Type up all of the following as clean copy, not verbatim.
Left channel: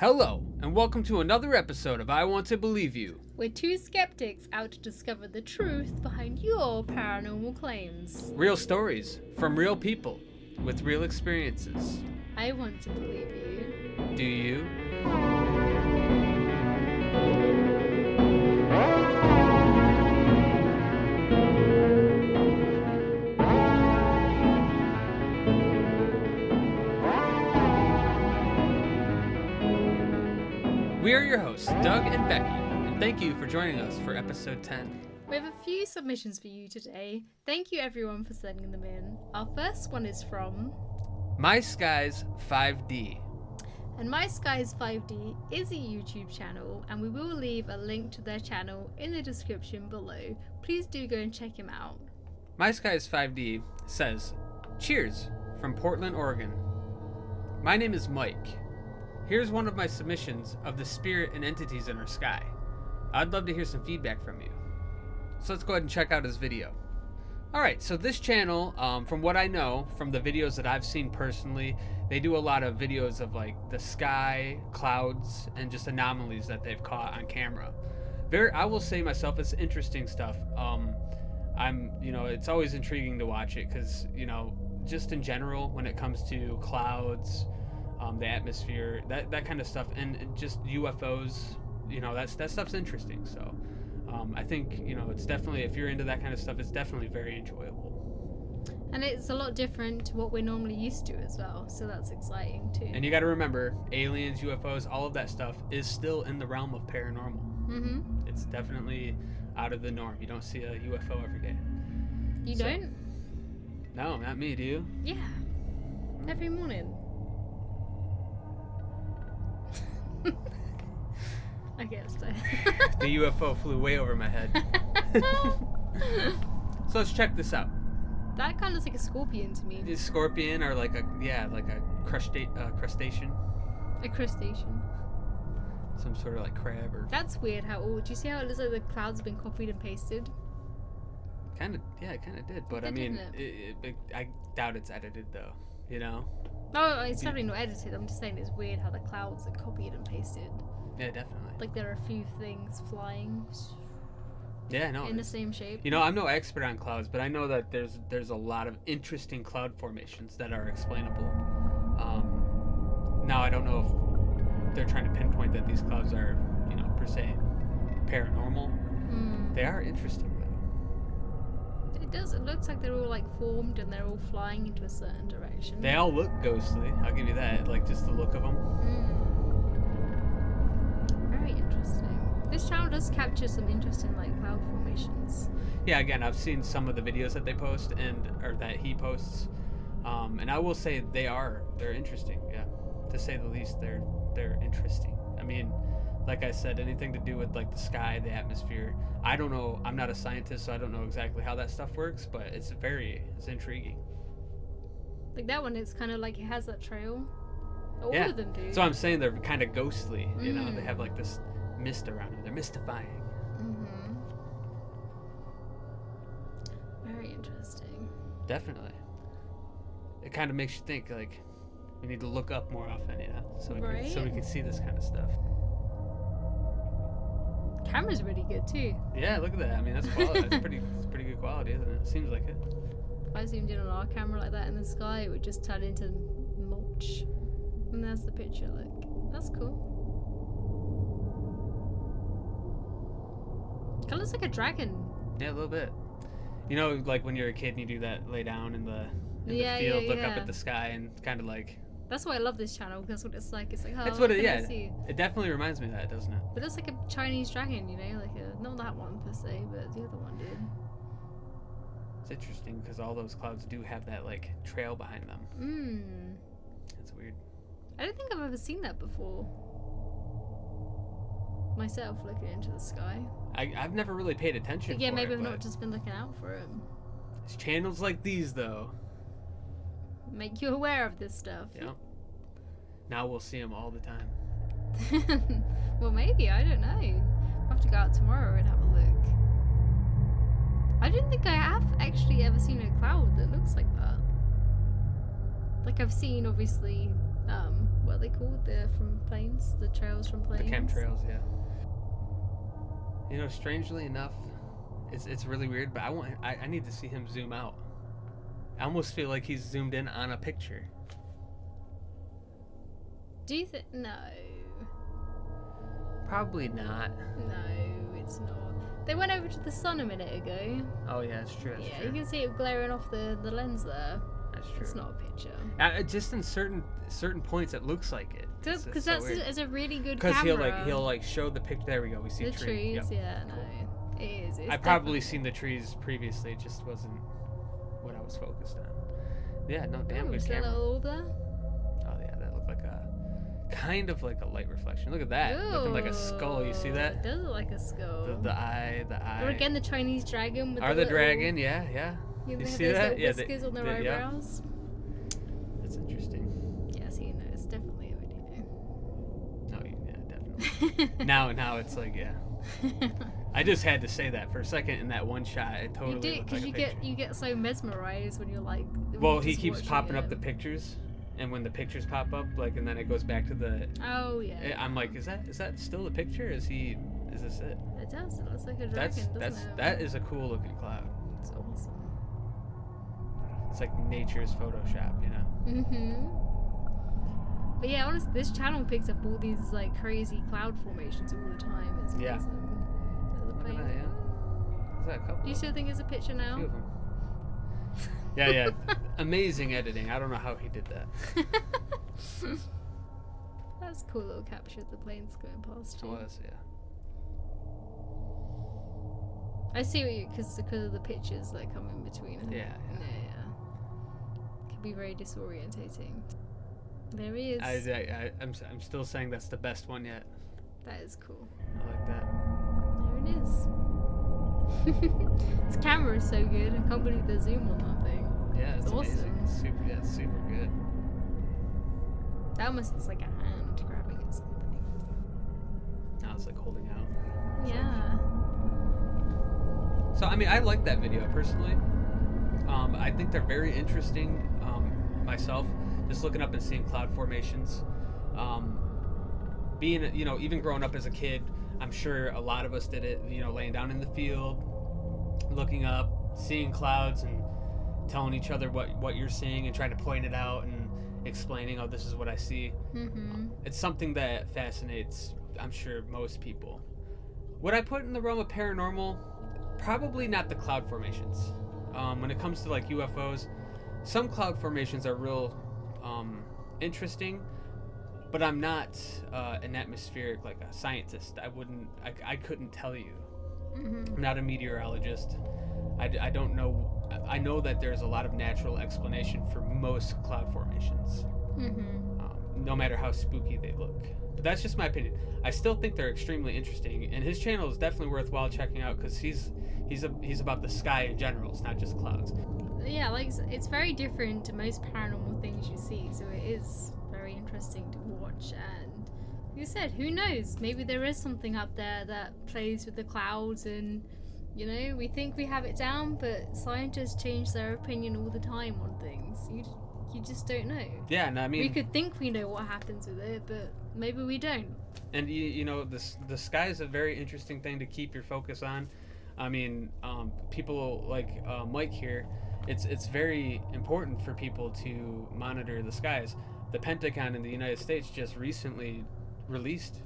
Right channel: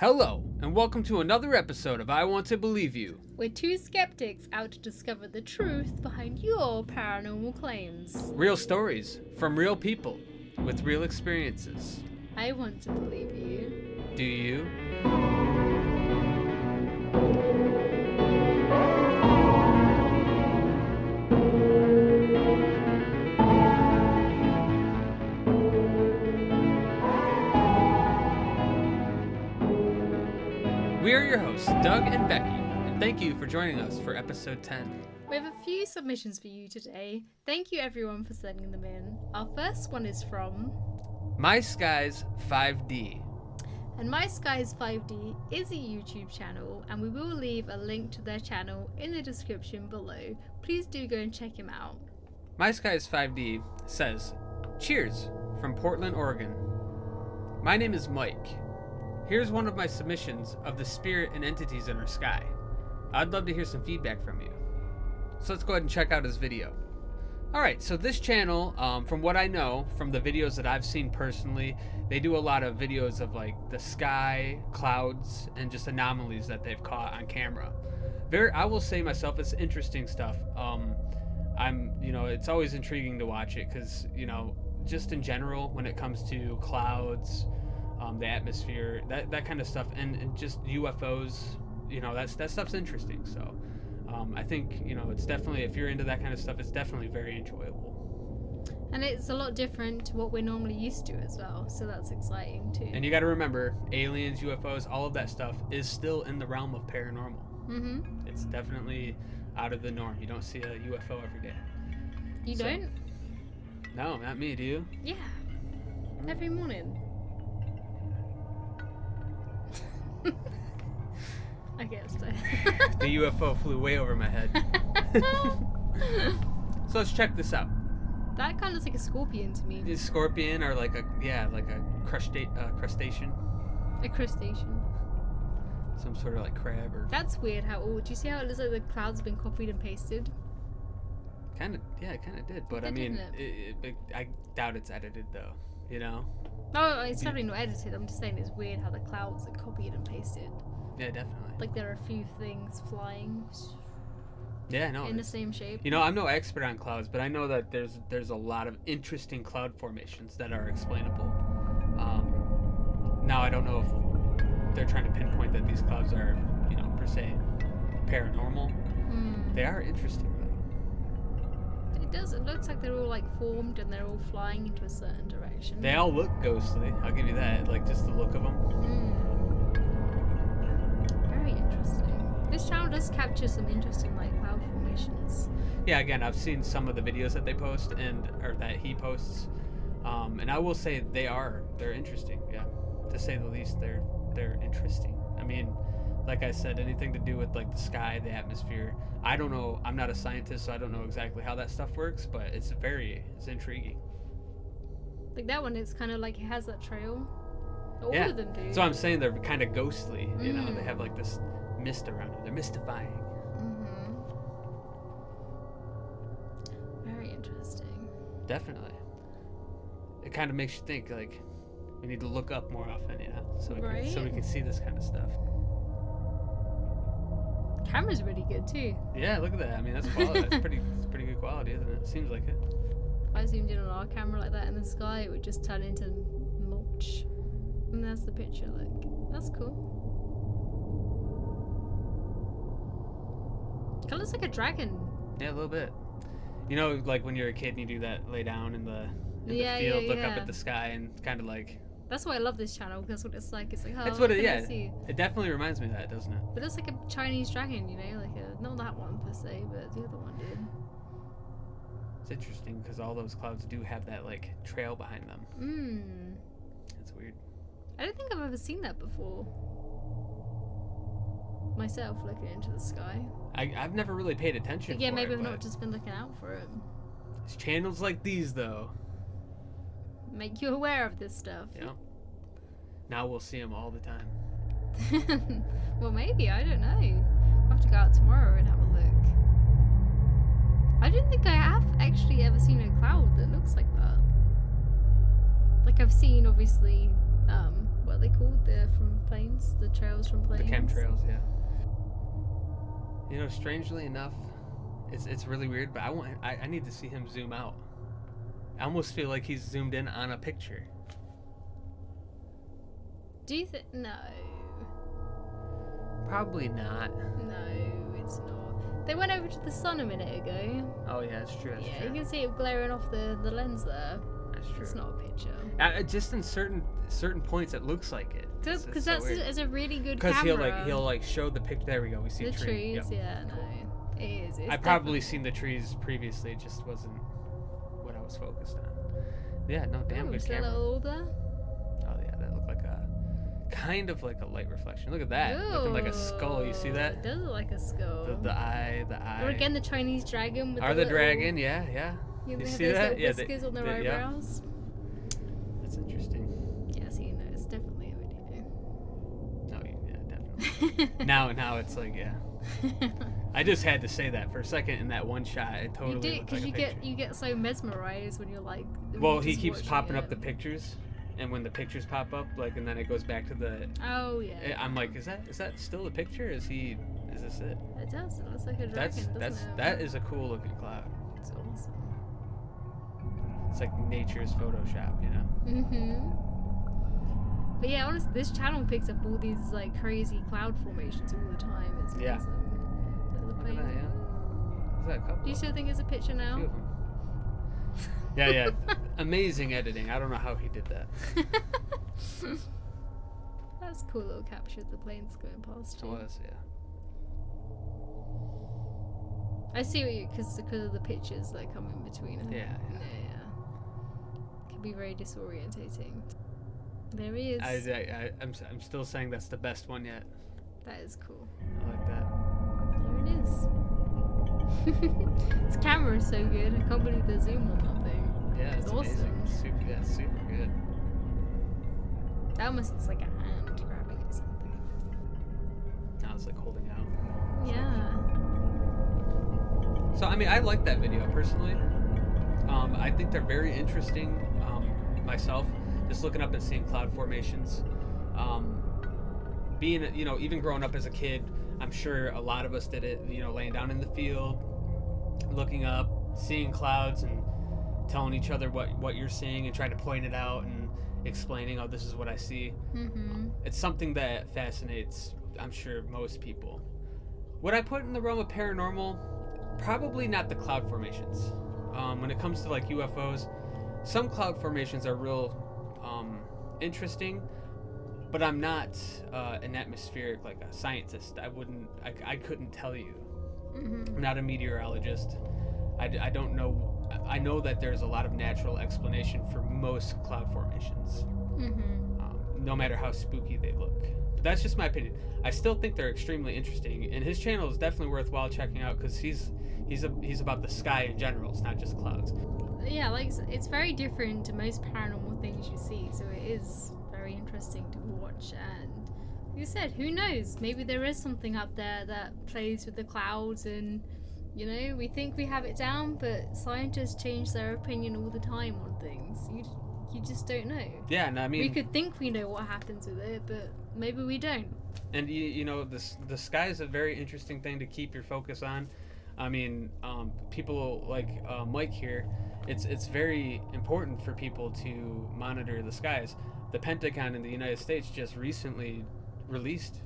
Hello, and welcome to another episode of I Want to Believe You. We're two skeptics out to discover the truth behind your paranormal claims. Real stories from real people with real experiences. I want to believe you. Do you? We are your hosts, Doug and Becky, and thank you for joining us for episode 10. We have a few submissions for you today. Thank you everyone for sending them in. Our first one is from My Skies 5D. And My Skies 5D is a YouTube channel, and we will leave a link to their channel in the description below. Please do go and check him out. My Skies 5D says, Cheers from Portland, Oregon. My name is Mike. Here's one of my submissions of the spirit and entities in our sky. I'd love to hear some feedback from you. So let's go ahead and check out his video. Alright, so this channel, from what I know, from the videos that I've seen personally, they do a lot of videos of like the sky, clouds, and just anomalies that they've caught on camera. I will say myself, it's interesting stuff. It's always intriguing to watch it because, just in general, when it comes to clouds, the atmosphere, that kind of stuff, and just UFOs, that stuff's interesting. So I think, it's definitely, if you're into that kind of stuff, it's definitely very enjoyable. And it's a lot different to what we're normally used to as well, so that's exciting too. And you got to remember, aliens, UFOs, all of that stuff is still in the realm of paranormal. Mm-hmm. It's definitely out of the norm. You don't see a UFO every day. You don't? No, not me. Do you? Yeah. Every morning. I guess so. The UFO flew way over my head. So let's check this out. That kind of looks like a scorpion to me. A scorpion or like a crustacean. A crustacean. Some sort of like crab or... That's weird how old. Do you see how it looks like the clouds have been copied and pasted? Kind of, yeah, it kind of did. But I mean, I doubt it's edited though, No, it's probably not edited. I'm just saying it's weird how the clouds are copied and pasted. Yeah, definitely. Like there are a few things flying. Yeah, no. In the same shape. I'm no expert on clouds, but I know that there's a lot of interesting cloud formations that are explainable. Now I don't know if they're trying to pinpoint that these clouds are, per se, paranormal. They are interesting though. It does. It looks like they're all like formed and they're all flying into a certain direction. They all look ghostly. I'll give you that. Like just the look of them. Very interesting. This channel does capture some interesting like cloud formations. Yeah, again, I've seen some of the videos that they post or that he posts, and I will say they're interesting. Yeah, to say the least, they're interesting. I mean, like I said, anything to do with like the sky, the atmosphere. I don't know. I'm not a scientist, so I don't know exactly how that stuff works, but it's intriguing. Like that one, it's kind of like it has that trail. All of them do. So I'm saying they're kind of ghostly. They have like this mist around them. They're mystifying. Very interesting. Definitely. It kind of makes you think like we need to look up more often, so we can see this kind of stuff. Camera's really good too. Yeah, look at that. I mean, that's quality. It's pretty good quality, isn't it? Seems like it. If I zoomed in on our camera like that in the sky, it would just turn into mulch. And there's the picture. Look, that's cool. Kind of looks like a dragon. Yeah, a little bit. Like when you're a kid and you do that, lay down in the field, look up at the sky, and kind of like. That's why I love this channel, because what it's like. It's like, that's what it. Yeah, it definitely reminds me of that, doesn't it? But it's like a Chinese dragon, like not that one per se, but the other one did. It's interesting because all those clouds do have that like trail behind them. That's weird. I don't think I've ever seen that before. Myself, looking into the sky. I've never really paid attention. Yeah, maybe I've not just been looking out for it. It's channels like these, though, make you aware of this stuff. Yeah. Now we'll see them all the time. Well, maybe, I don't know. I'll have to go out tomorrow and have a look. I don't think I have actually ever seen a cloud that looks like that. Like I've seen, obviously, What are they called? They're from planes, the trails from planes. The chemtrails, yeah. You know, strangely enough, it's really weird, but I need to see him zoom out. I almost feel like he's zoomed in on a picture. Do you think? No. Probably not. No, it's not. They went over to the sun a minute ago. Oh yeah, it's true. That's Yeah, true. you can see it glaring off the lens there. That's true. It's not a picture. Just in certain points, it looks like it. Because it's a really good camera. Because he'll like show the picture. There we go. We see the tree. trees. Yep. Yeah, no, it is. It's I've probably seen the trees previously. It just wasn't what I was focused on. Yeah, no, damn good camera. That little orb there? Oh yeah, that looked like a kind of like a light reflection. Look at that, looking like a skull. You see that? It does look like a skull. The eye. Or again, the Chinese dragon. With the dragon? Yeah. You see those that? Little whiskers on their eyebrows. That's interesting. Yeah, so you know, it's definitely a video. No, yeah, definitely. now it's like, yeah. I just had to say that for a second in that one shot. It totally you do, looked like a picture. you get so mesmerized when you're like. Well, he keeps popping up the pictures, and when the pictures pop up, like, and then it goes back to the. Oh yeah. I'm like, is that still the picture? Is this it? It does. It looks like a dragon. That is a cool looking cloud. It's awesome. It's like nature's Photoshop, you know. Mhm. But yeah, honestly, this channel picks up all these like crazy cloud formations all the time. It's awesome. Yeah. Look at that, yeah. Is that a couple? Do you still think it's a picture now? A few of them. Yeah. Amazing editing. I don't know how he did that. That's a cool little capture of the planes going past It you. was, yeah. I see what you because of the pictures that come in between. Yeah. Can be very disorientating. There he is. I'm still saying that's the best one yet. That is cool. I like that. There it is. This camera is so good. I can't believe the zoom on that thing. Yeah, it's awesome. Amazing. Super good. That almost looks like a hand grabbing at something. Now it's like holding out. Yeah. So I mean, I like that video personally. I think they're very interesting. Myself, just looking up and seeing cloud formations. Being, even growing up as a kid, I'm sure a lot of us did it. Laying down in the field, looking up, seeing clouds, and telling each other what you're seeing and trying to point it out and explaining, oh, this is what I see. Mm-hmm. It's something that fascinates, I'm sure, most people. Would I put in the realm of paranormal? Probably not the cloud formations. When it comes to like UFOs, some cloud formations are real interesting, but I'm not an atmospheric, like a scientist. I couldn't tell you. Mm-hmm. I'm not a meteorologist. I don't know. I know that there's a lot of natural explanation for most cloud formations, Mm-hmm. No matter how spooky they look. But that's just my opinion. I still think they're extremely interesting, and his channel is definitely worthwhile checking out because he's about the sky in general. It's not just clouds. Yeah, like it's very different to most paranormal things you see, so it is very interesting to watch. And you said, who knows? Maybe there is something up there that plays with the clouds, and we think we have it down, but scientists change their opinion all the time on things. You just don't know. Yeah, and I mean, we could think we know what happens with it, but maybe we don't. And the sky is a very interesting thing to keep your focus on. I mean, people like Mike here, it's very important for people to monitor the skies. The Pentagon in the United States just recently released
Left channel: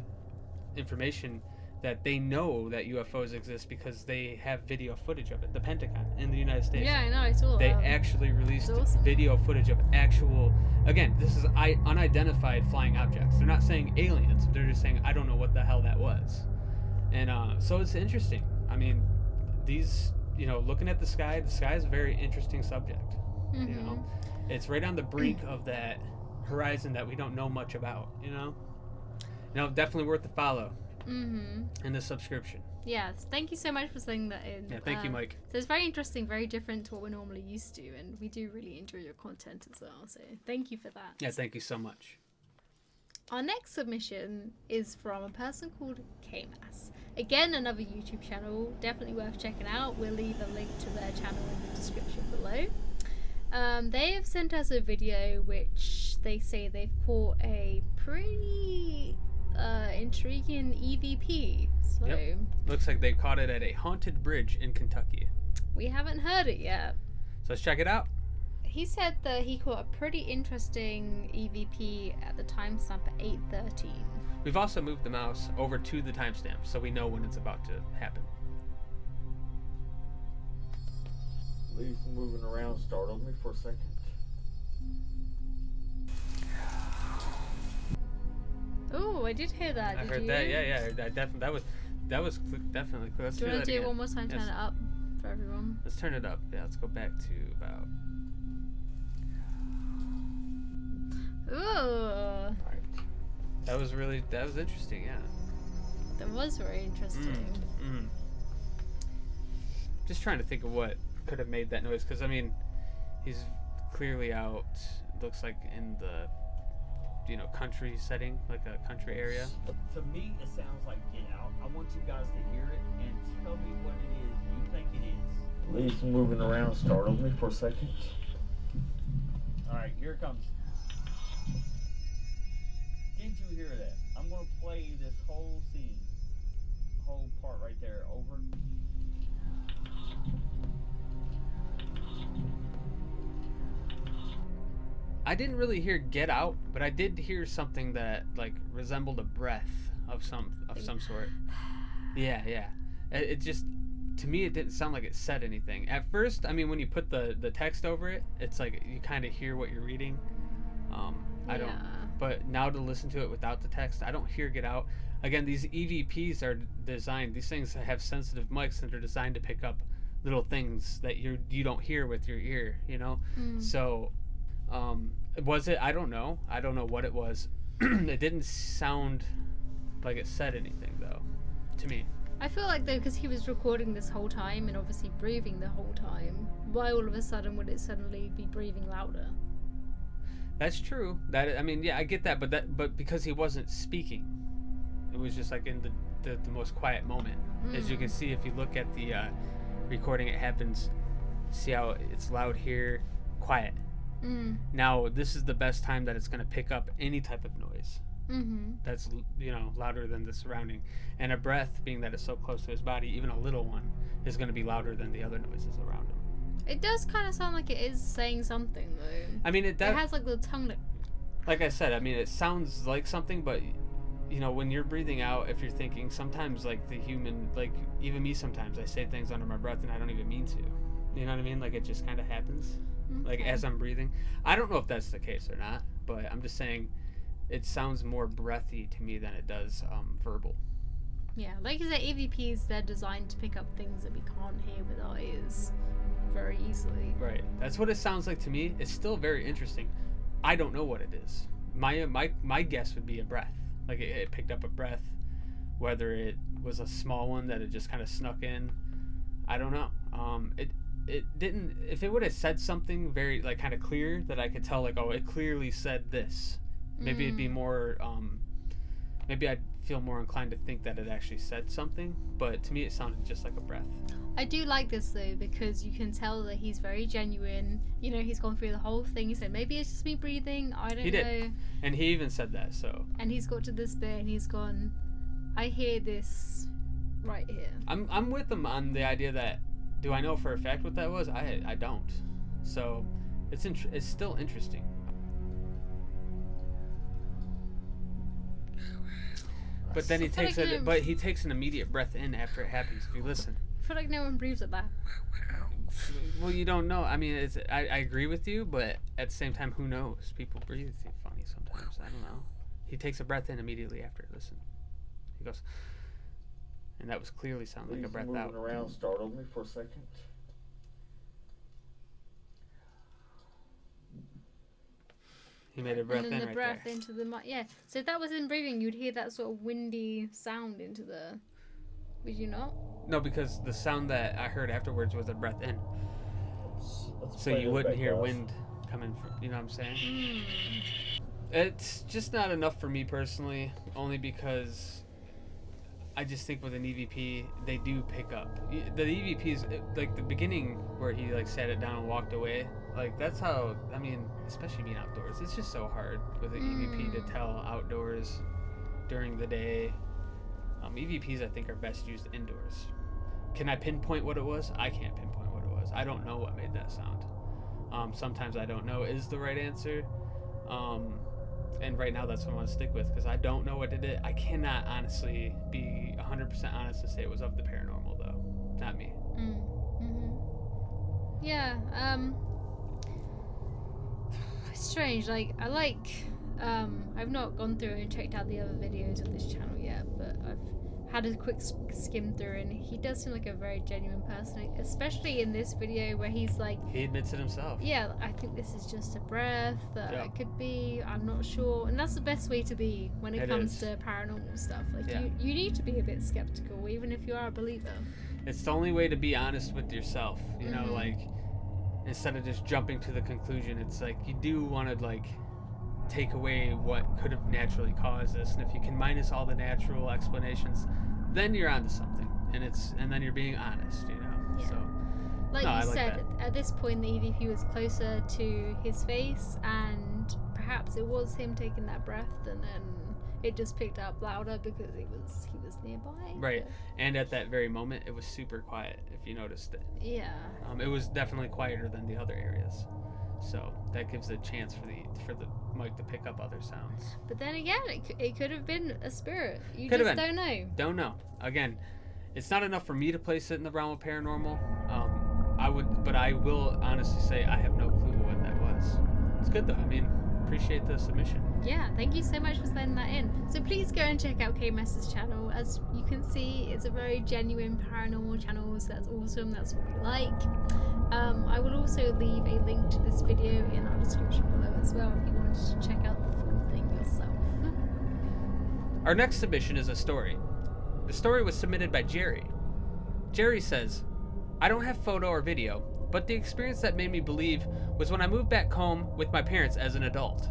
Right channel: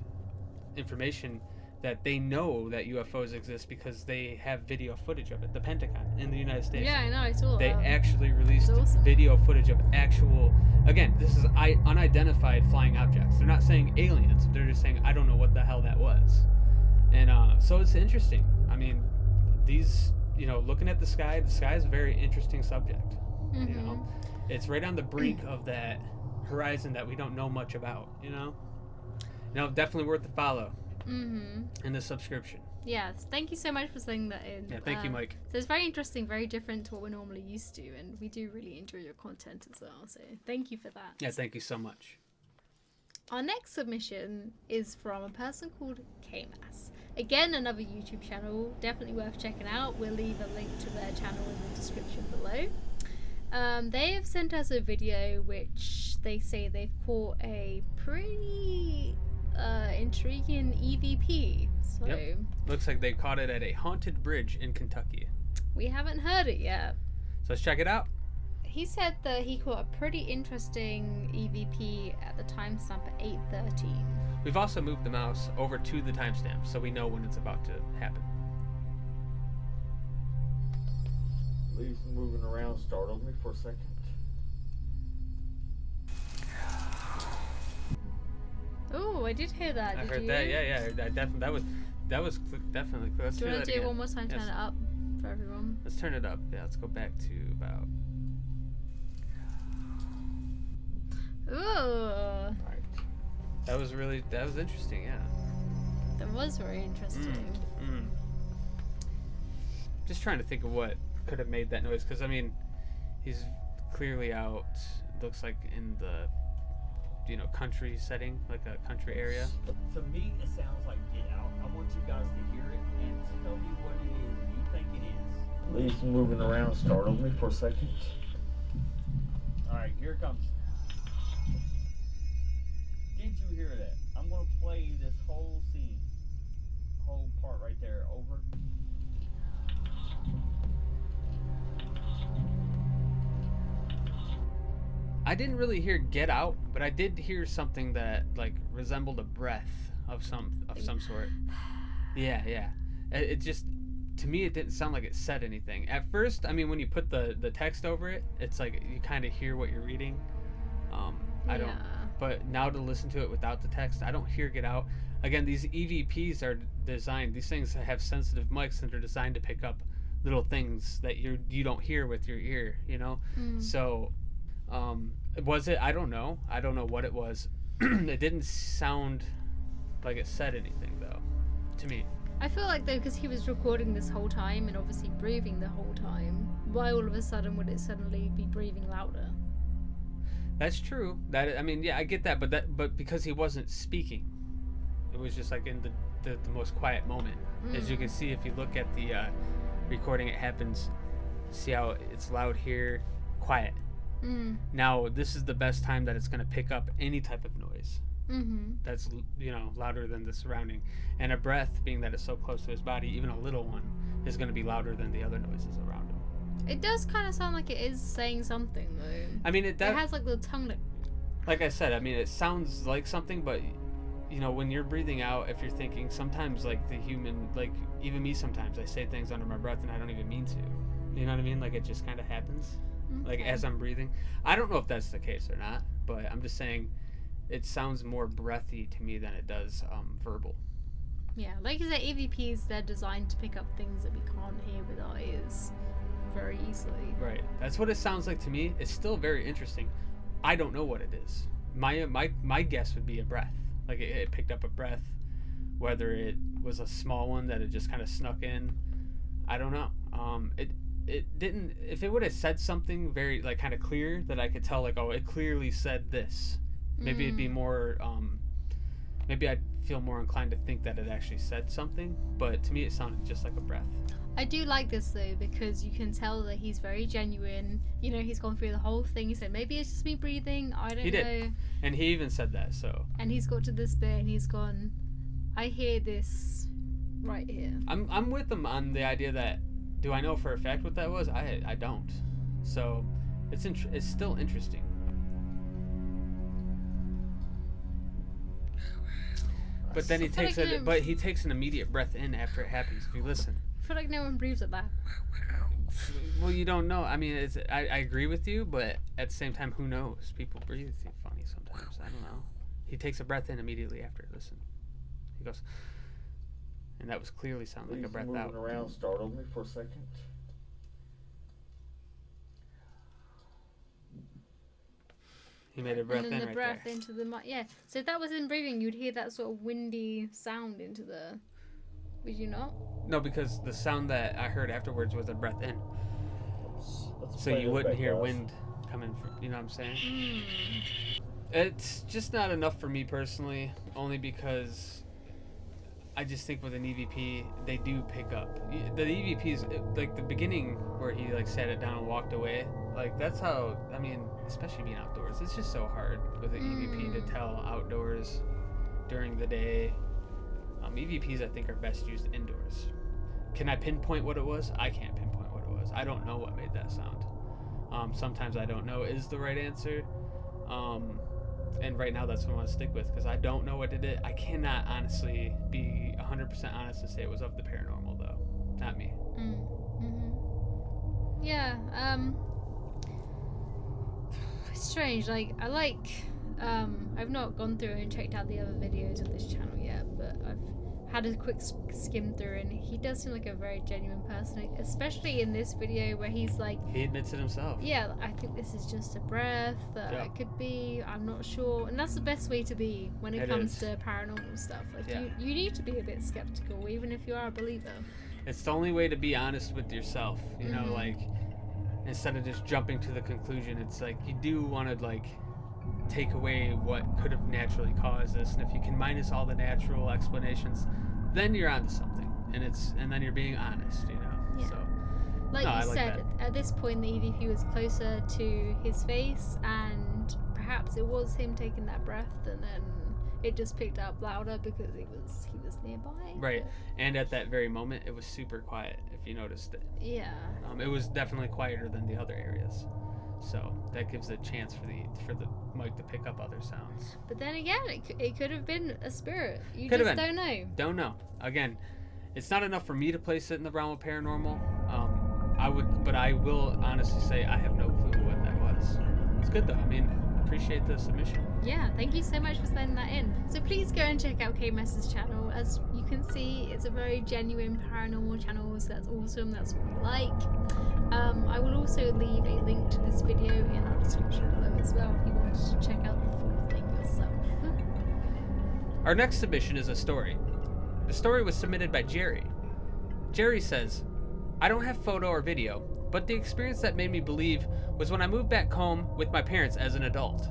information that they know that UFOs exist because they have video footage of it. The Pentagon in the United States. Yeah, I know. I saw They that. actually released awesome. video footage of actual. Again, this is unidentified flying objects. They're not saying aliens. They're just saying I don't know what the hell that was. And so it's interesting. I mean, these, looking at the sky is a very interesting subject. Mm-hmm. It's right on the brink of that horizon that we don't know much about. Definitely worth the follow. Mm-hmm. And the subscription. Yes, thank you so much for saying that in. Yeah, thank you, Mike. So it's very interesting, very different to what we're normally used to, and we do really enjoy your content as well. So thank you for that. Yeah, thank you so much. Our next submission is from a person called KMass. Again, another YouTube channel, definitely worth checking out. We'll leave a link to their channel in the description below. They have sent us a video which they say they've caught a pretty intriguing EVP. So Yep. Looks like they caught it at a haunted bridge in Kentucky. we haven't heard it yet. So let's check it out. He said that he caught a pretty interesting EVP at the timestamp at 8:13. We've also moved the mouse over to the timestamp so we know when it's about to happen. Leaves moving around startled me for a second. Oh, I did hear that. I Did heard you? that. Yeah. That was definitely clear. Let's Do you want that to do again. it one more time? Turn Yes. it up for everyone. Let's turn it up. Yeah, let's go back to about. Ooh, Right. That was interesting. Yeah. that was very interesting. Just trying to think of what could have made that noise, because I mean, he's clearly out. Looks like in the, country setting, like a country area. To me, it sounds like Get Out. I want you guys to hear it and tell me what it is you think it is. Leaves moving around startled me for a second. Alright, here it comes. Did you hear that? I'm going to play this whole scene, whole part right there over. I didn't really hear "Get Out," but I did hear something that resembled a breath of some sort. Yeah. It just, to me, it didn't sound like it said anything at first. I mean, when you put the text over it, it's like you kind of hear what you're reading. I don't. But now to listen to it without the text, I don't hear "Get Out." Again, these EVPs are designed. These things have sensitive mics and they're designed to pick up little things that you don't hear with your ear. So. Was it? I don't know. I don't know what it was. It didn't sound like it said anything, though, to me. I feel like though, because he was recording this whole time and obviously breathing the whole time, why all of a sudden would it suddenly be breathing louder? That's true. I mean, yeah, I get that, but because he wasn't speaking, it was just like in the most quiet moment. As you can see, if you look at the recording, it happens. See how it's loud here, quiet. Now, this is the best time that it's going to pick up any type of noise that's, louder than the surrounding. And a breath, being that it's so close to his body, even a little one, is going to be louder than the other noises around him. It does kind of sound like it is saying something, though. I mean, it has like the tongue that... Like I said, I mean, it sounds like something, but, when you're breathing out, if you're thinking, sometimes, like, the human, like, even me sometimes, I say things under my breath and I don't even mean to. You know what I mean? Like, it just kind of happens. Like as I'm breathing. I don't know if that's the case or not, but I'm just saying it sounds more breathy to me than it does verbal. Yeah, like you said, EVPs, they're designed to pick up things that we can't hear with our ears very easily. Right. That's what it sounds like to me. It's still very interesting. I don't know what it is. My guess would be a breath. Like it picked up a breath, whether it was a small one that it just kind of snuck in. I don't know. It didn't. If it would have said something very kind of clear that I could tell, oh, it clearly said this, maybe it'd be more. Maybe I'd feel more inclined to think that it actually said something. But to me, it sounded just like a breath. I do like this though, because you can tell that he's very genuine. He's gone through the whole thing. He said maybe it's just me breathing. I don't know. He did, and he even said that. So. And he's got to this bit, and he's gone. I hear this right here. I'm with him on the idea that. Do I know for a fact what that was? I don't. So it's still interesting. But then he takes an immediate breath in after it happens. If you listen. I feel like no one breathes at that. Well, you don't know. I mean, I agree with you, but at the same time, who knows? People breathe funny sometimes. I don't know. He takes a breath in immediately after. Listen. He goes. And that was clearly sounding like a breath out. Moving around startled me for a second. He made a breath and then in the right breath there. into the mic. Yeah. So if that was in breathing, you'd hear that sort of windy sound into the. Would you not? No, because the sound that I heard afterwards was a breath in. Let's So you wouldn't hear wind coming from. You know what I'm saying? It's just not enough for me personally. Only because I just think with an EVP, they do pick up. The EVPs, like the beginning where he like sat it down and walked away, like that's how, I mean, especially being outdoors, it's just so hard with an EVP to tell outdoors during the day. EVPs I think are best used indoors. Can I pinpoint what it was? I can't pinpoint what it was. I don't know what made that sound. Sometimes I don't know is the right answer. And right now that's what I want to stick with because I don't know what it is. I cannot honestly be 100% honest to say it was of the paranormal though. Not me. Yeah, it's strange. Like, I've not gone through and checked out the other videos of this channel yet, but I've had a quick skim through, and he does seem like a very genuine person, especially in this video where he's like, he admits it himself. Yeah, I think this is just a breath, it could be, I'm not sure. And that's the best way to be when it comes to paranormal stuff. Like, you need to be a bit skeptical, even if you are a believer. It's the only way to be honest with yourself, you know, like, instead of just jumping to the conclusion, it's like, you do want to, like, take away what could have naturally caused this, and if you can minus all the natural explanations, then you're onto something, and then you're being honest, you know. Yeah. So like you said, at this point the EVP was closer to his face, and perhaps it was him taking that breath, and then it just picked up louder because he was nearby. Right. And at that very moment it was super quiet, if you noticed it. Yeah. It was definitely quieter than the other areas. So that gives a chance for the mic to pick up other sounds. But then again, it could have been a spirit. You could just don't know. Don't know. Again, it's not enough for me to place it in the realm of paranormal. But I will honestly say I have no clue what that was. It's good though. I mean, appreciate the submission. Yeah, thank you so much for sending that in. So please go and check out K-Mess's channel. As you can see, it's a very genuine paranormal channel, so that's awesome. That's what we like. I will also leave a link to this video in our description below as well if you wanted to check out the full thing yourself. Our next submission is a story. The story was submitted by Jerry. Jerry says, I don't have photo or video, but the experience that made me believe was when I moved back home with my parents as an adult.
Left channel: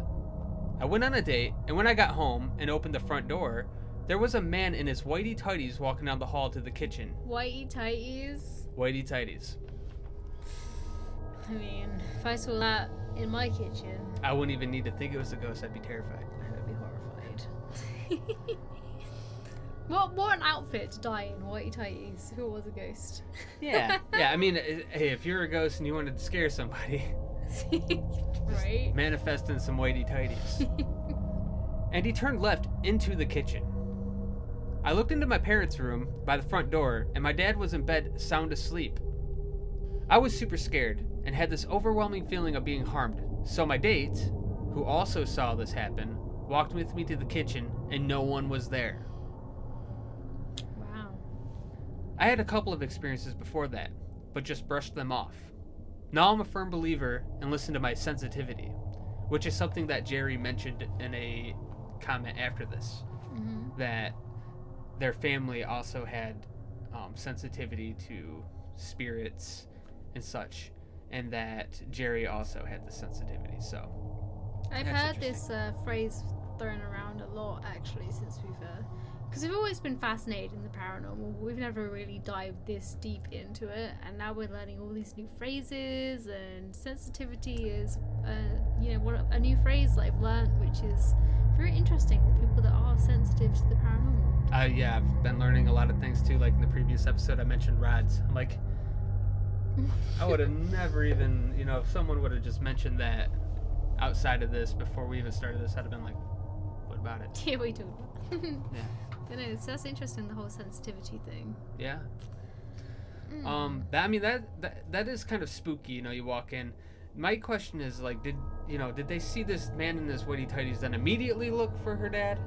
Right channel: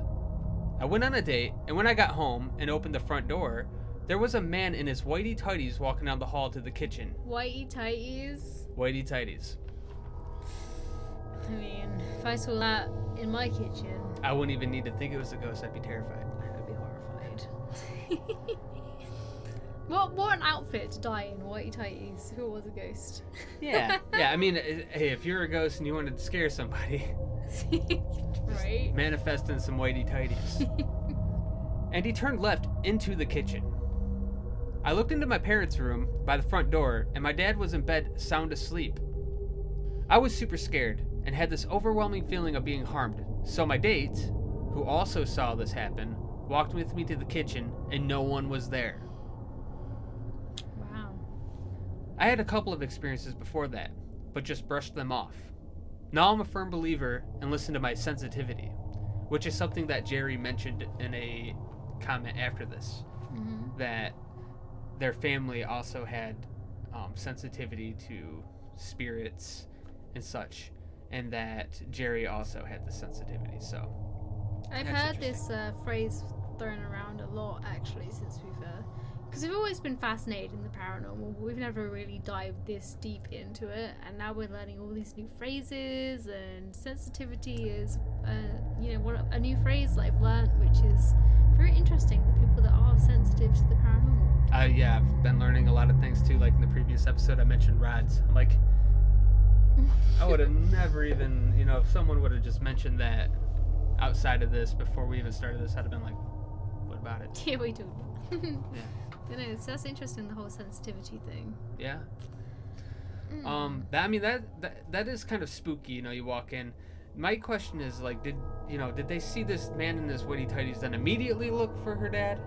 I went on a date, and when I got home and opened the front door, there was a man in his whitey-tighties walking down the hall to the kitchen. Whitey-tighties? Whitey-tighties. I mean, if I saw that in my kitchen, I wouldn't even need to think it was a ghost. I'd be terrified. I would be horrified. What an outfit to die in, whitey-tighties. If it was a ghost. Yeah. I mean, hey, if you're a ghost and you wanted to scare somebody, right? Manifest in some whitey-tighties. And he turned left into the kitchen. I looked into my parents' room by the front door, and my dad was in bed sound asleep. I was super scared and had this overwhelming feeling of being harmed, so my date, who also saw this happen, walked with me to the kitchen, and no one was there. Wow. I had a couple of experiences before that, but just brushed them off. Now I'm a firm believer and listen to my sensitivity, which is something that Jerry mentioned in a comment after this, that their family also had sensitivity to spirits and such, and that Jerry also had the sensitivity. So I've heard this phrase thrown around a lot actually since because we've always been fascinated in the paranormal, but we've never really dived this deep into it, and now we're learning all these new phrases, and sensitivity is a new phrase that I've learned, which is very interesting. The people that are sensitive to the paranormal. Yeah, I've been learning a lot of things too. Like in the previous episode I mentioned rods. I'm like, I would have never even, if someone would have just mentioned that outside of this before we even started this, I'd have been like, what about it? Yeah, we talked about it. Yeah. I know, so that's interesting, the whole sensitivity thing. Yeah. That is kind of spooky, you walk in. My question is, like, did they see this man in his whitey-tighties then immediately look for her dad?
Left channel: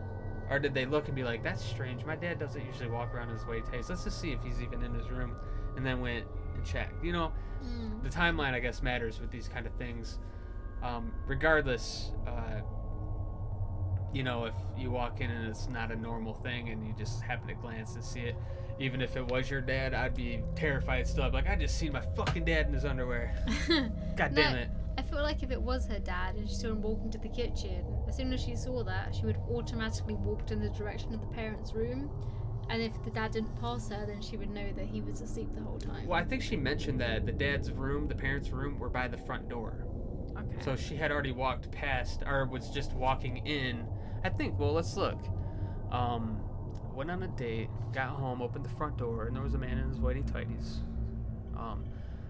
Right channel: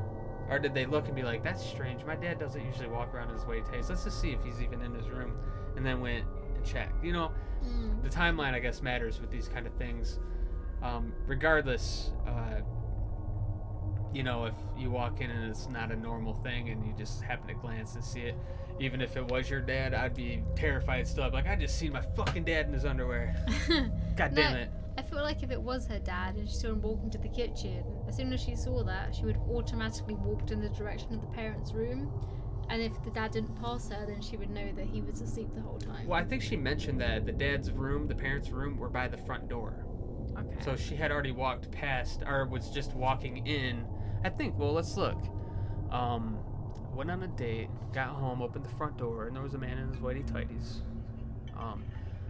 Or did they look and be like, that's strange, my dad doesn't usually walk around in his whitey-tighties, let's just see if he's even in his room, and then went and checked. The timeline, I guess, matters with these kind of things. Regardless, if you walk in and it's not a normal thing and you just happen to glance and see it, even if it was your dad, I'd be terrified still. I'd be like, I just seen my fucking dad in his underwear. God damn it. I feel like if it was her dad and she saw him walking to the kitchen, as soon as she saw that, she would have automatically walked in the direction of the parents' room, And if the dad didn't pass her, then she would know that he was asleep the whole time. Well, I think she mentioned that the dad's room, the parents' room, were by the front door. Okay. So she had already walked past, or was just walking in. I think, well, let's look. Went on a date, got home, opened the front door, and there was a man in his whitey-tighties.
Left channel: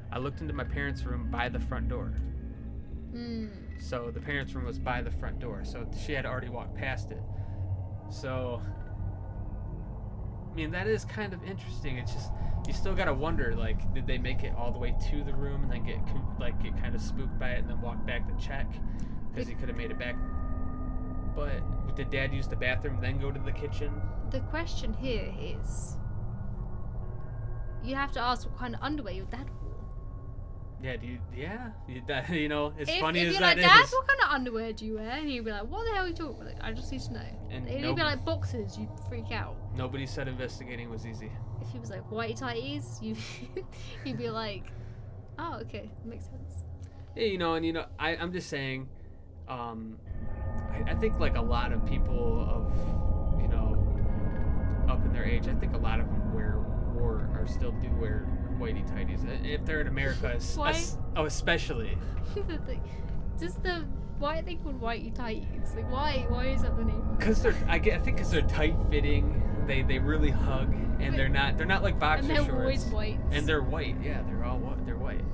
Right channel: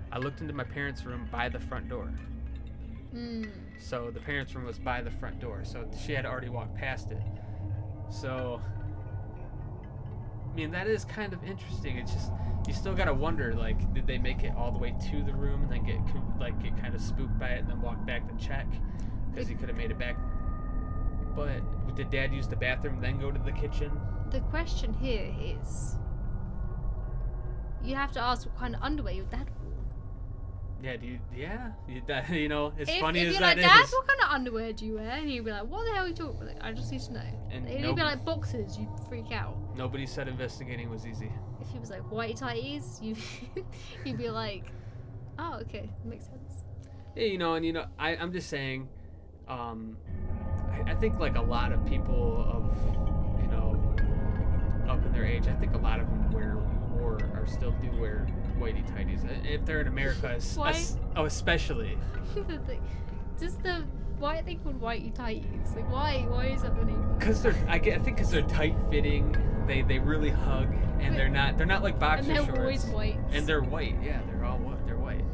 I looked into my parents' room by the front door. So the parents' room was by the front door. So she had already walked past it. So, I mean, that is kind of interesting. It's just, you still gotta wonder, like, did they make it all the way to the room and then get kind of spooked by it and then walk back to check? Because he could have made it back. But did Dad use the bathroom then go to the kitchen? The question here is, you have to ask what kind of underwear your dad wore. Yeah, you know, as funny if as you're that like, Dad, is. what kind of underwear do you wear? And he'd be like, what the hell are you talking about? I just need to know. And he'd be like, boxers, you'd freak out. Nobody said investigating was easy. If he was like, whitey-tighties, you'd be like, oh, okay, makes sense. Yeah, I'm just saying, I think like a lot of people of, up in their age, I think a lot of them still do wear whitey-tighties. If they're in America, especially. Why are they called whitey-tighties? Like, why is that the name? Because I think because they're tight-fitting, they really hug, and they're not like boxer shorts. And they're always white. And they're white, yeah, they're white.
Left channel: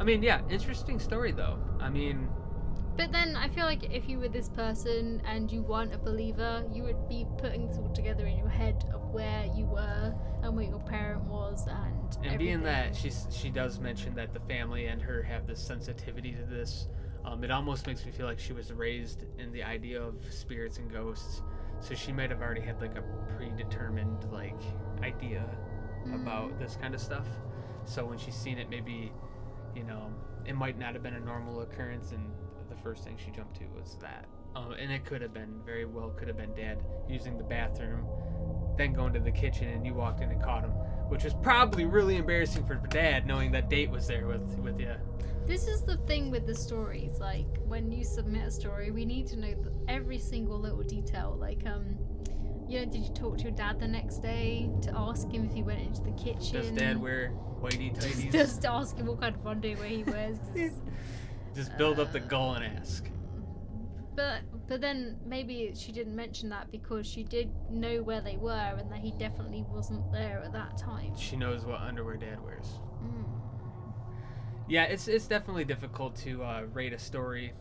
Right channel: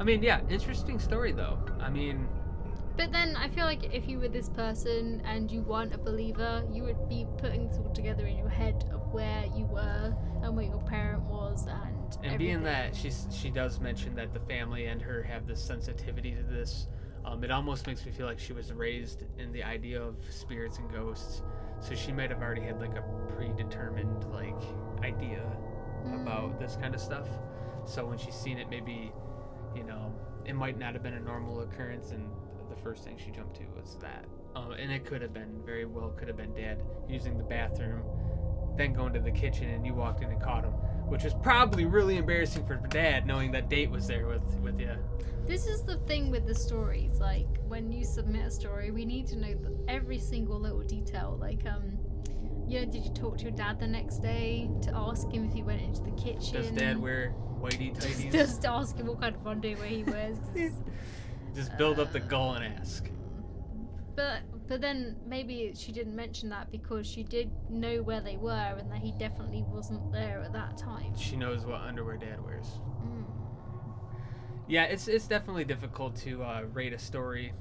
I mean, yeah, interesting story though. I mean. But then I feel like if you were this person and you weren't a believer, you would be putting this all together in your head of where you were and where your parent was and everything. Being that she does mention that the family and her have this sensitivity to this, it almost makes me feel like she was raised in the idea of spirits and ghosts. So she might have already had like a predetermined like idea about this kind of stuff. So when she's seen it, maybe, it might not have been a normal occurrence, and the first thing she jumped to was that. And it very well could have been Dad using the bathroom, then going to the kitchen, and you walked in and caught him, which was probably really embarrassing for Dad, knowing that date was there with you. This is the thing with the stories. Like, when you submit a story, we need to know every single little detail. Like, did you talk to your dad the next day to ask him if he went into the kitchen? Does Dad wear whitey-tighties? Just ask him what kind of underwear he wears. Just build up the goal and ask. But then maybe she didn't mention that because she did know where they were and that he definitely wasn't there at that time. She knows what underwear Dad wears. Yeah, it's definitely difficult to rate a story,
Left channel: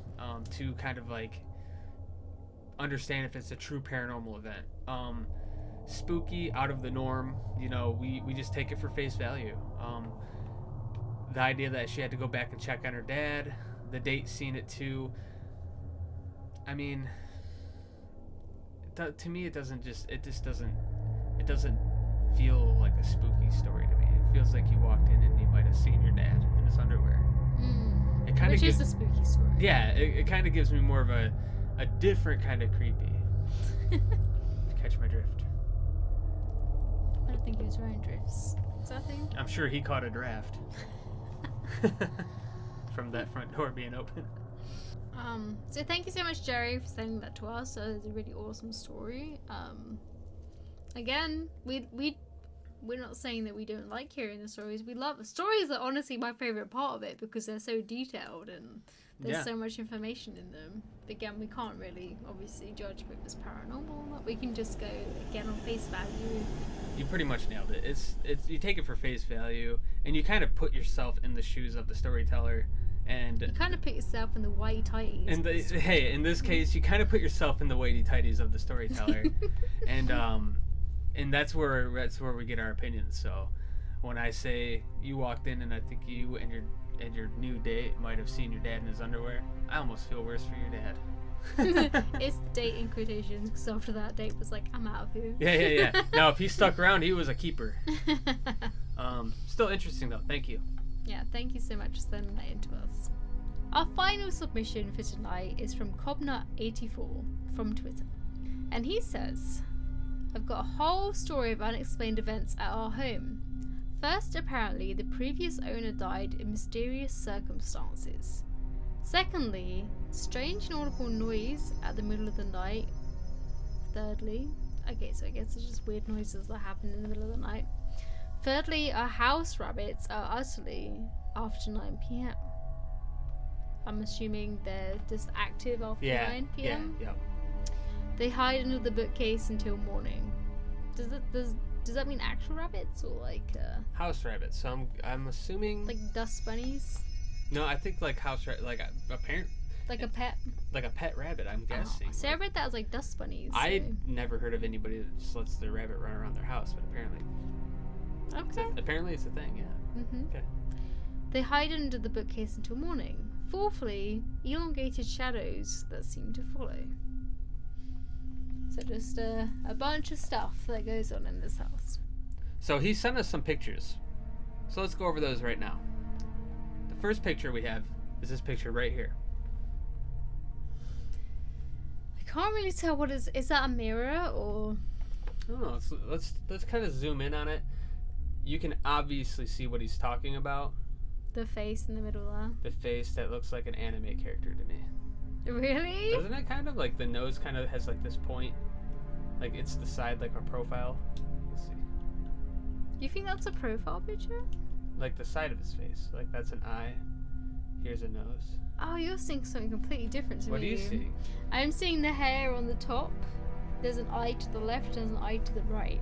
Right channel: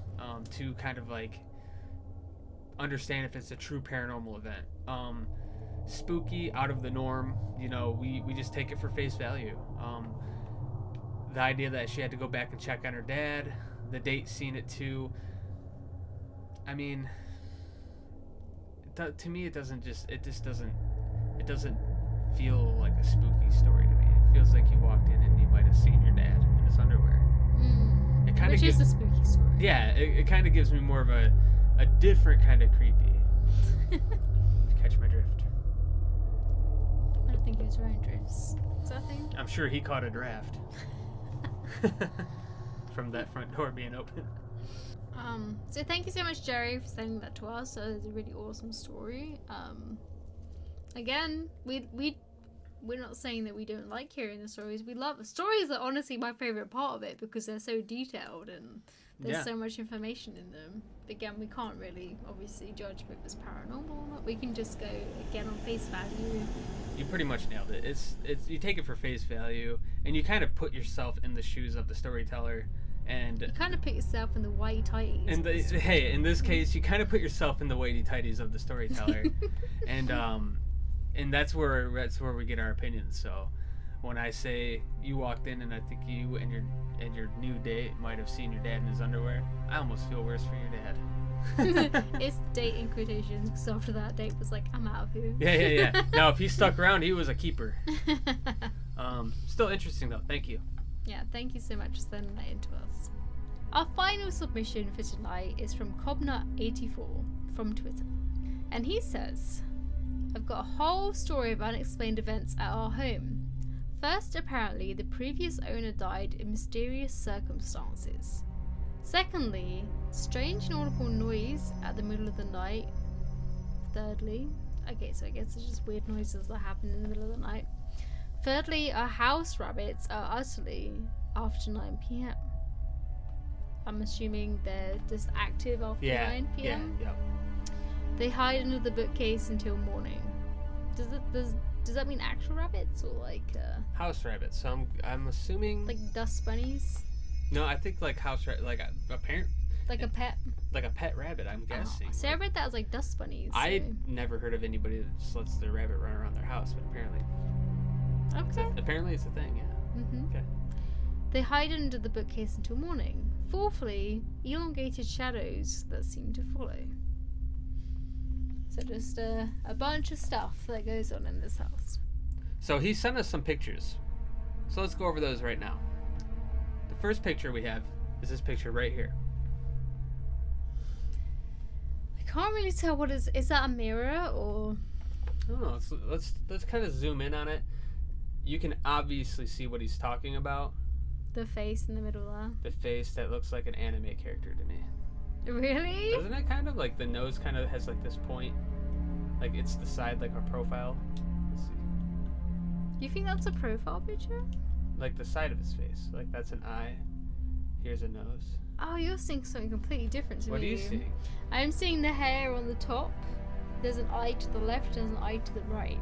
to kind of like understand if it's a true paranormal event. Spooky, out of the norm, we just take it for face value. The idea that she had to go back and check on her dad, the date seen it too. I mean, to me, it doesn't feel like a spooky story to me. It feels like you walked in and you might have seen your dad in his underwear. Which is a spooky story. Yeah, it kind of gives me more of a different kind of creepy. If you catch my drift. I don't think he was wearing drifts. Is that a thing? I'm sure he caught a draft. From that front door being open. So thank you so much, Jerry, for sending that to us. It's a really awesome story. Again, we're not saying that we don't like hearing the stories. We love stories. Are honestly my favorite part of it because they're so detailed and there's so much information in them. But again, we can't really obviously judge if it was paranormal or not. We can just go again on face value. You pretty much nailed it. It's you take it for face value and you kind of put yourself in the shoes of the storyteller. And you kind of put yourself in the whitey-tighties. In this case, you kind of put yourself in the whitey-tighties of the storyteller, and that's where we get our opinions. So, when I say you walked in and I think you and your new date might have seen your dad in his underwear, I almost feel worse for your dad. It's date in quotations because after that date was like, I'm out of here. Yeah. Now, if he stuck around, he was a keeper. Still interesting though. Thank you. Yeah, thank you so much for sending that in to us. Our final submission for tonight is from Cobnut84 from Twitter. And he says, I've got a whole story of unexplained events at our home. First, apparently, the previous owner died in mysterious circumstances. Secondly, strange inaudible noise at the middle of the night. Thirdly, Okay, so I guess it's just weird noises that happen in the middle of the night. Thirdly, our house rabbits are utterly after 9 p.m. I'm assuming they're just active after 9 p.m. Yeah. They hide under the bookcase until morning. Does that mean actual rabbits or like House rabbits. So I'm assuming like dust bunnies? No, I think like house like a parent. Like a pet? Like a pet rabbit, I'm guessing. So I read that as like dust bunnies. I never heard of anybody that just lets their rabbit run around their house, but apparently. Okay. Apparently it's a thing, yeah. Mm-hmm. Okay. They hide under the bookcase until morning. Fourthly, elongated shadows that seem to follow. So just a bunch of stuff that goes on in this house. So he sent us some pictures. So let's go over those right now. The first picture we have is this picture right here. I can't really tell what is that a mirror or... I don't know. Let's kind of zoom in on it. You can obviously see what he's talking about. The face in the middle there. The face that looks like an anime character to me. Really? Doesn't it kind of like the nose kind of has like this point? Like it's the side like our profile. Let's see. You think that's a profile picture? Like the side of his face. Like that's an eye. Here's a nose. Oh, you're seeing something completely different to me. What are you seeing? I'm seeing the hair on the top. There's an eye to the left, there's an eye to the right.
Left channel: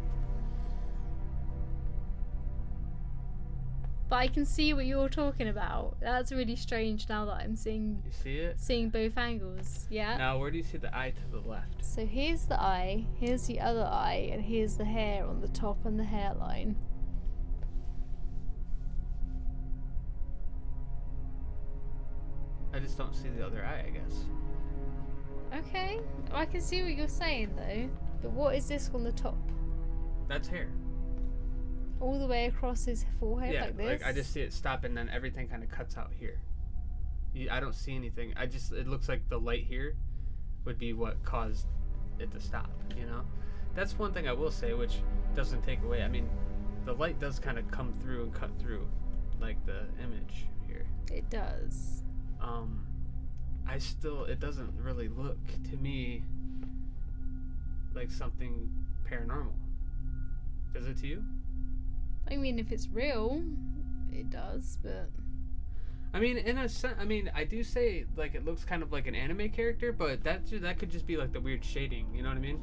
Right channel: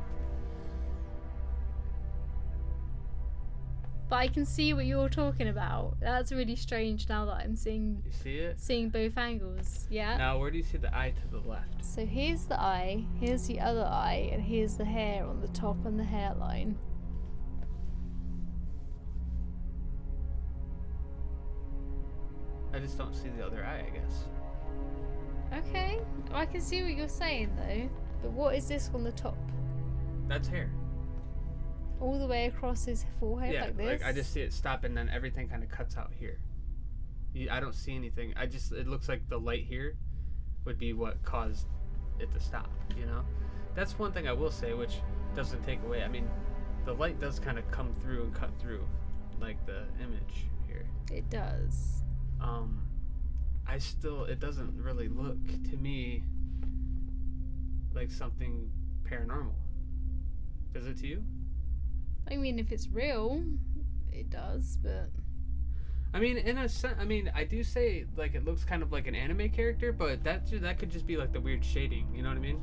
But I can see what you're talking about. That's really strange now that I'm seeing... You see it? Seeing both angles. Yeah. Now, where do you see the eye to the left? So here's the eye, here's the other eye, and here's the hair on the top and the hairline. I just don't see the other eye, I guess. Okay. I can see what you're saying, though. But what is this on the top? That's hair. All the way across his forehead like this? Like I just see it stop and then everything kind of cuts out here. I don't see anything. It looks like the light here would be what caused it to stop, you know? That's one thing I will say, which doesn't take away. I mean, the light does kind of come through and cut through, like the image here. It does. It doesn't really look to me like something paranormal. Does it to you? I mean, if it's real, it does, but... I mean, in a sense, I do say, like, it looks kind of like an anime character, but that could just be, like, the weird shading, you know what I mean?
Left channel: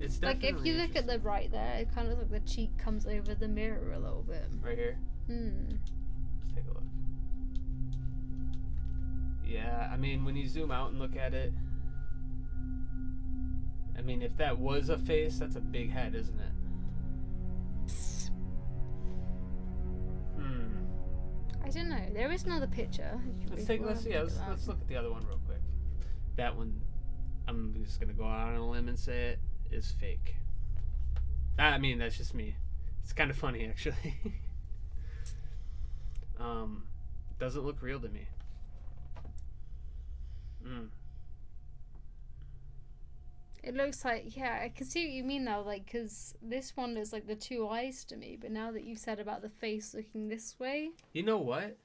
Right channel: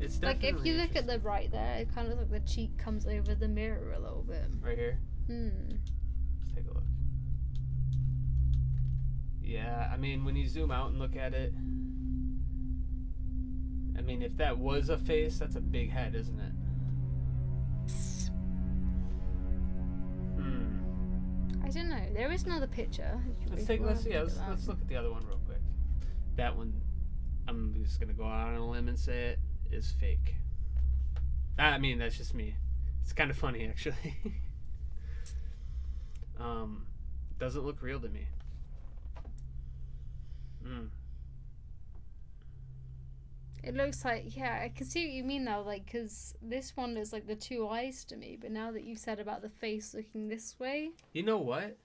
It's definitely like, if you look at the right there, it kind of looks like the cheek comes over the mirror a little bit. Right here? Let's take a look. Yeah, I mean, when you zoom out and look at it, I mean, if that was a face, that's a big head, isn't it? I don't know. There is another picture. Let's look at the other one real quick. That one, I'm just gonna go out on a limb and say it is fake. I mean, that's just me. It's kind of funny actually. Doesn't look real to me. It looks like, yeah, I can see what you mean now, like, because this one is like the two eyes to me, but now that you've said about the face looking this way... You know what?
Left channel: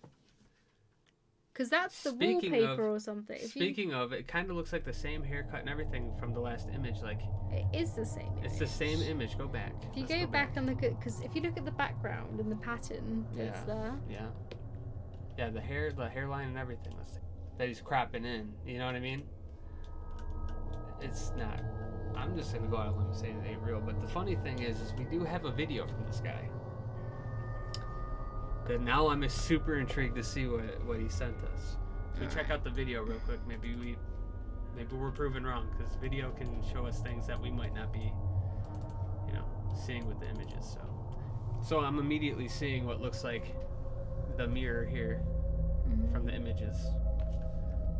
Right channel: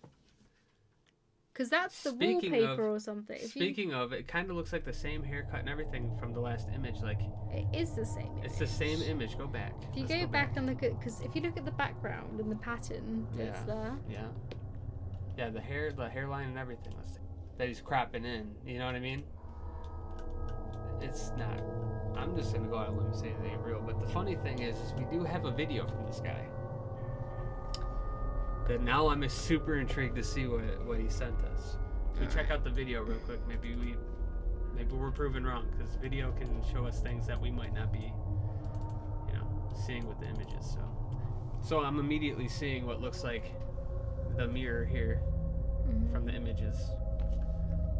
Because that's the wallpaper or something. Speaking of, it kind of looks like the same haircut and everything from the last image, like... It is the same image. It's the same image, go back. If you go back and look at, because if you look at the background and the pattern that's there... Yeah. Yeah, the hairline and everything that he's cropping in, you know what I mean? It's not. I'm just gonna go out on a limb and say it ain't real. But the funny thing is we do have a video from this guy. That now I'm super intrigued to see what he sent us. If we check out the video real quick, maybe we're proven wrong, because video can show us things that we might not be, seeing with the images. So I'm immediately seeing what looks like the mirror here from the images.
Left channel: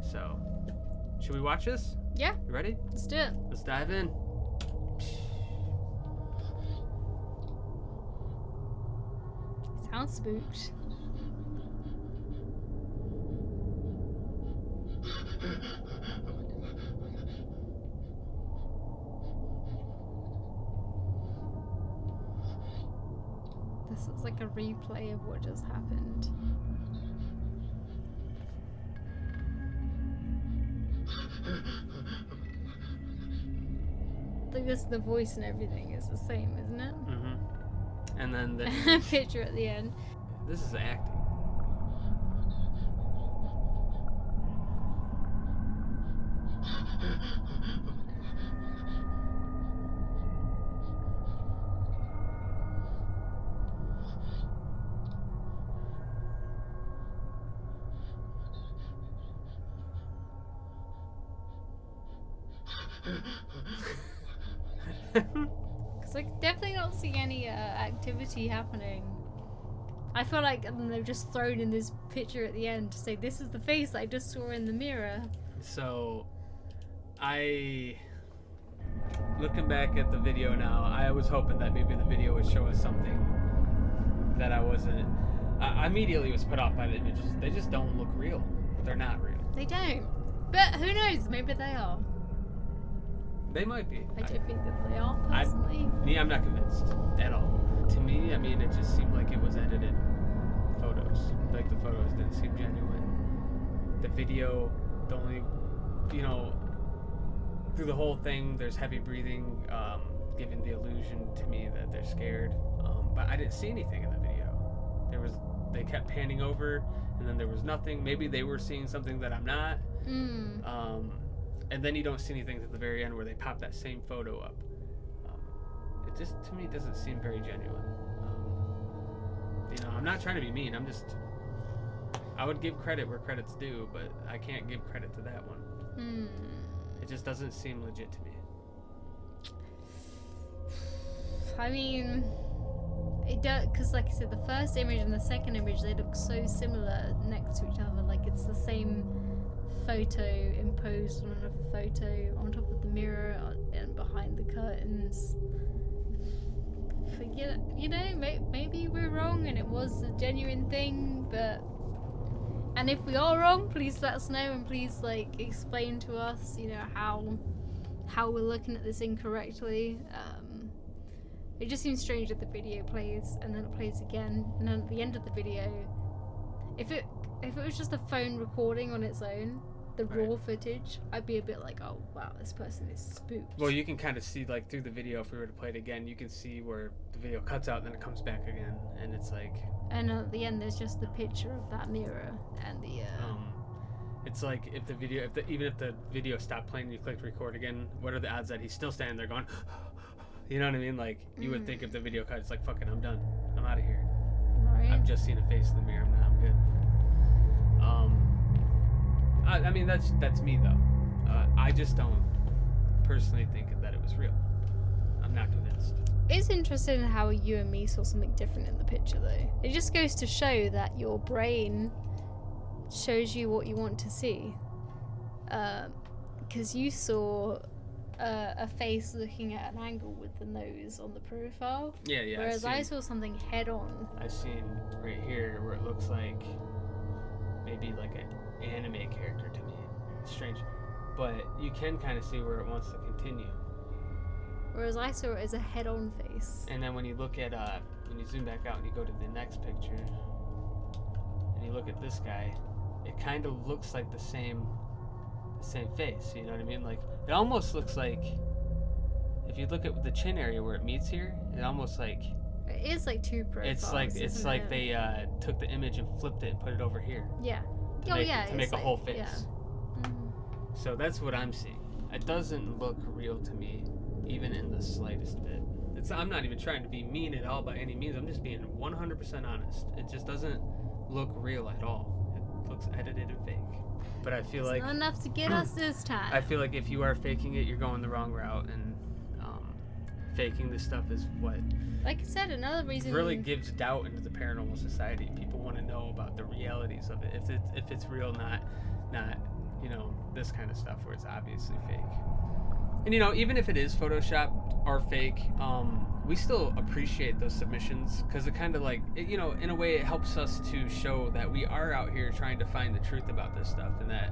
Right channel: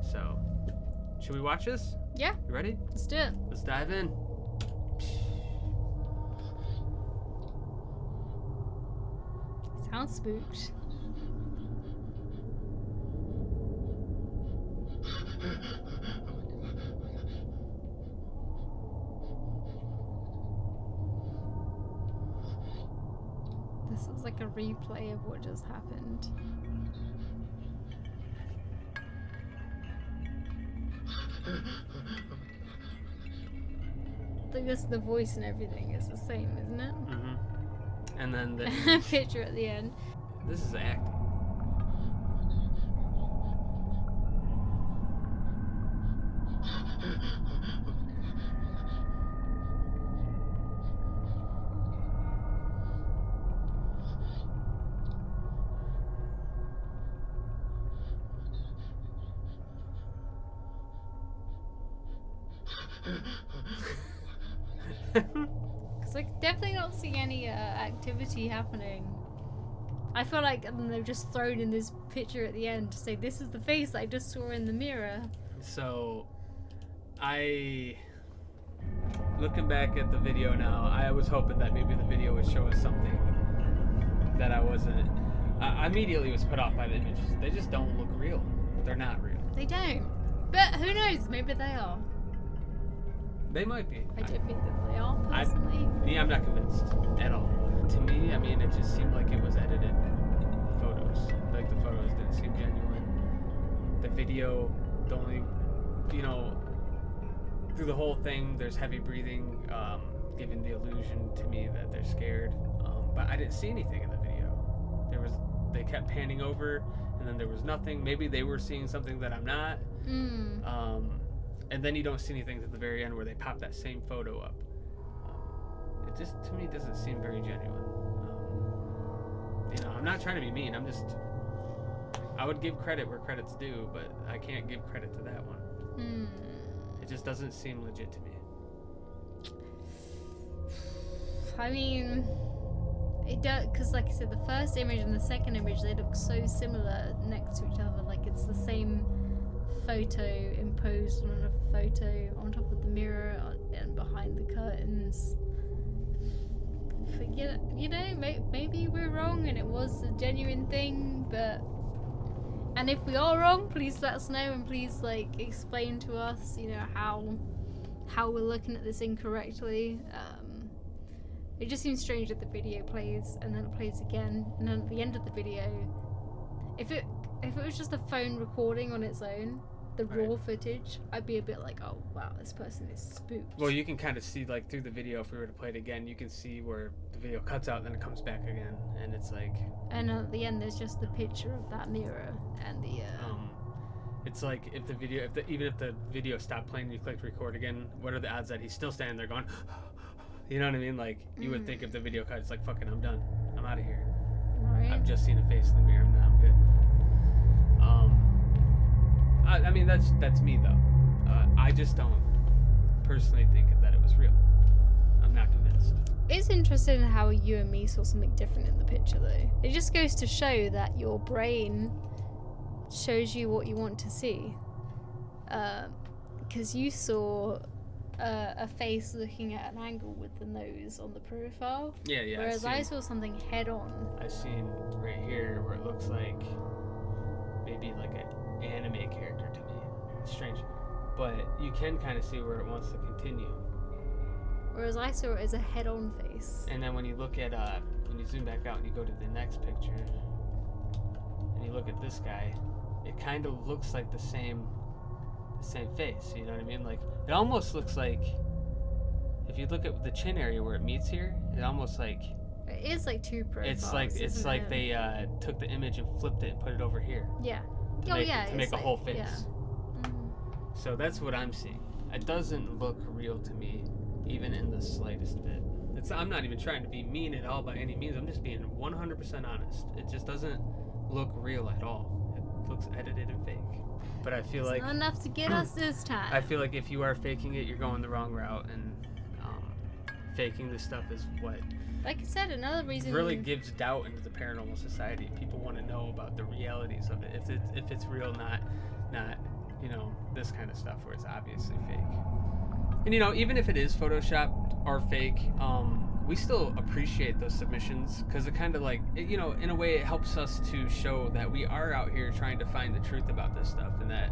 So, should we watch this? Yeah. You ready? Let's do it. Let's dive in. Sounds spooked. This is like a replay of what just happened. like this, the voice and everything is the same, isn't it? Mm-hmm. And then the picture at the end. This is acting. Because I definitely not see any activity happening. I feel like they've just thrown in this picture at the end to say this is the face I just saw in the mirror. So, looking back at the video now, I was hoping that maybe the video would show us something that I wasn't. I immediately was put off by the images. They just don't look real. They're not real. They don't. But who knows? Maybe they are. They might be. I don't think that they are, personally. I'm not convinced at all. To me, I mean, it just seemed like it was edited photos. Like, the photos didn't seem genuine. The video, the only, through the whole thing, there's heavy breathing, giving the illusion to me that they're scared. But I didn't see anything in the video. They kept panning over, and then there was nothing. Maybe they were seeing something that I'm not. And then you don't see anything at the very end where they pop that same photo up. It just, to me, doesn't seem very genuine. I'm not trying to be mean. I would give credit where credit's due, but I can't give credit to that one. It just doesn't seem legit to me. I mean, it does, because like I said, the first image and the second image, they look so similar next to each other. Like it's the same photo imposed on another photo on top of the mirror and behind the curtains. But, maybe we're wrong and it was a genuine thing, and if we are wrong, please let us know and please explain to us, how we're looking at this incorrectly. It just seems strange that the video plays and then it plays again, and then at the end of the video, if it was just a phone recording on its own, the raw footage, I'd be a bit like, oh wow, this person is spooked. Well, you can kind of see through the video, if we were to play it again, you can see where the video cuts out and then it comes back again, and it's like. And at the end, there's just the picture of that mirror and the. It's like even if the video stopped playing and you clicked record again, what are the odds that he's still standing there going, you know what I mean? Like you would think if the video cut, it's like, fucking, I'm done, I'm out of here. Right. I've just seen a face in the mirror. I'm good. I mean, that's me though. I just don't personally think that it was real. I'm not convinced. It's interesting how you and me saw something different in the picture, though. It just goes to show that your brain shows you what you want to see. Because you saw a face looking at an angle with the nose on the profile. Yeah. Whereas I saw something head on. I've seen right here where it looks like maybe like an anime character to me. It's strange. But you can kind of see where it wants to continue. Whereas I saw it as a head-on face. And then when you look at, when you zoom back out and you go to the next picture, and you look at this guy, it kind of looks like the same face, you know what I mean? Like, it almost looks like, if you look at the chin area where it meets here, it almost like... It is like two profiles, It's like they took the image and flipped it and put it over here. Yeah. To make a whole face. Yeah. Mm-hmm. So that's what I'm seeing. It doesn't look real to me, even in the slightest bit. I'm not even trying to be mean at all by any means. I'm just being 100% honest. It just doesn't look real at all. It looks edited and fake. But I feel it's not enough to get us this time. I feel like if you are faking it, you're going the wrong route, and faking this stuff is what, like I said, another reason really gives doubt into the paranormal society. People want to know about the realities of it. If it's real, not this kind of stuff where it's obviously fake. And even if it is photoshopped or fake, we still appreciate those submissions, because it kind of in a way it helps us to show that we are out here trying to find the truth about this stuff, and that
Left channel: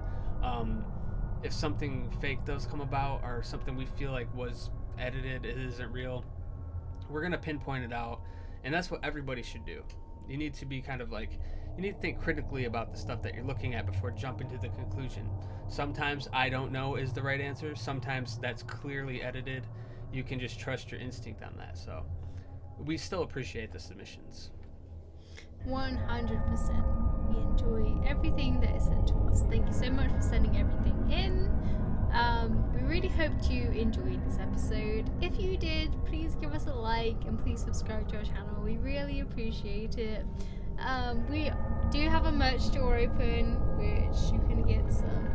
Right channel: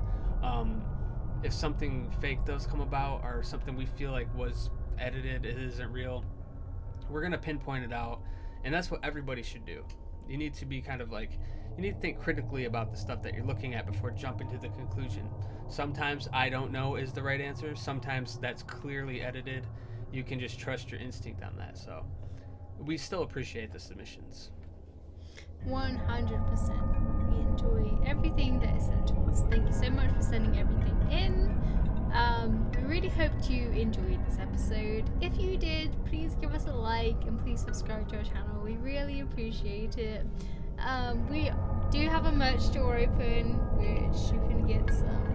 if something fake does come about, or something we feel like was edited, it isn't real, we're gonna pinpoint it out. And that's what everybody should do. You need to be you need to think critically about the stuff that you're looking at before jumping to the conclusion. Sometimes I don't know is the right answer. Sometimes that's clearly edited. you can just trust your instinct on that. So we still appreciate the submissions. 100%. We enjoy everything that is sent to us. Thank you so much for sending everything in. We really hoped you enjoyed this episode. If you did, please give us a like and please subscribe to our channel. We really appreciate it. We do have a merch store open, which you can get some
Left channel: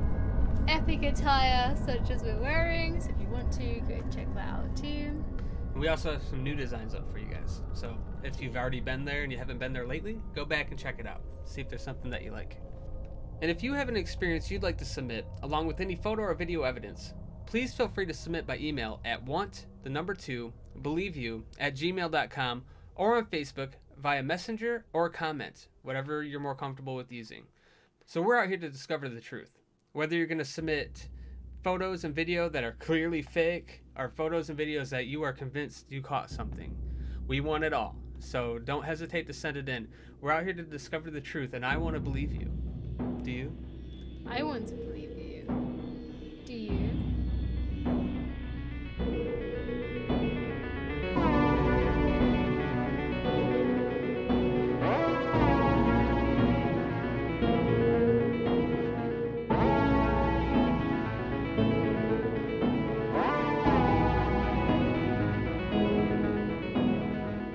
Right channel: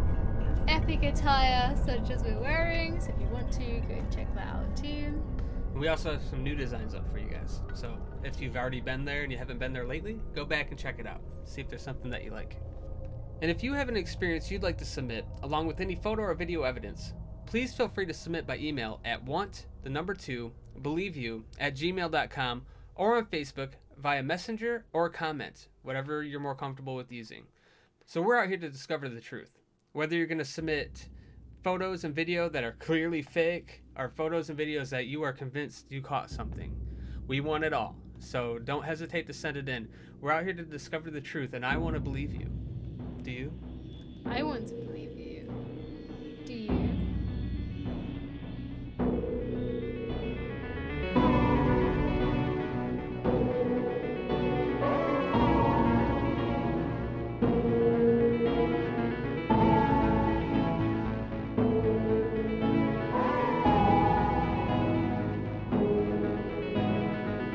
epic attire such as we're wearing. So if you want to, go check that out too. We also have some new designs up for you guys. So if you've already been there and you haven't been there lately, go back and check it out. See if there's something that you like. And if you have an experience you'd like to submit, along with any photo or video evidence, please feel free to submit by email at want2believeyou@gmail.com or on Facebook via Messenger or comment, whatever you're more comfortable with using. So we're out here to discover the truth. Whether you're going to submit photos and video that are clearly fake or photos and videos that you are convinced you caught something, we want it all. So don't hesitate to send it in. We're out here to discover the truth, and I want to believe you. Do you? I want to believe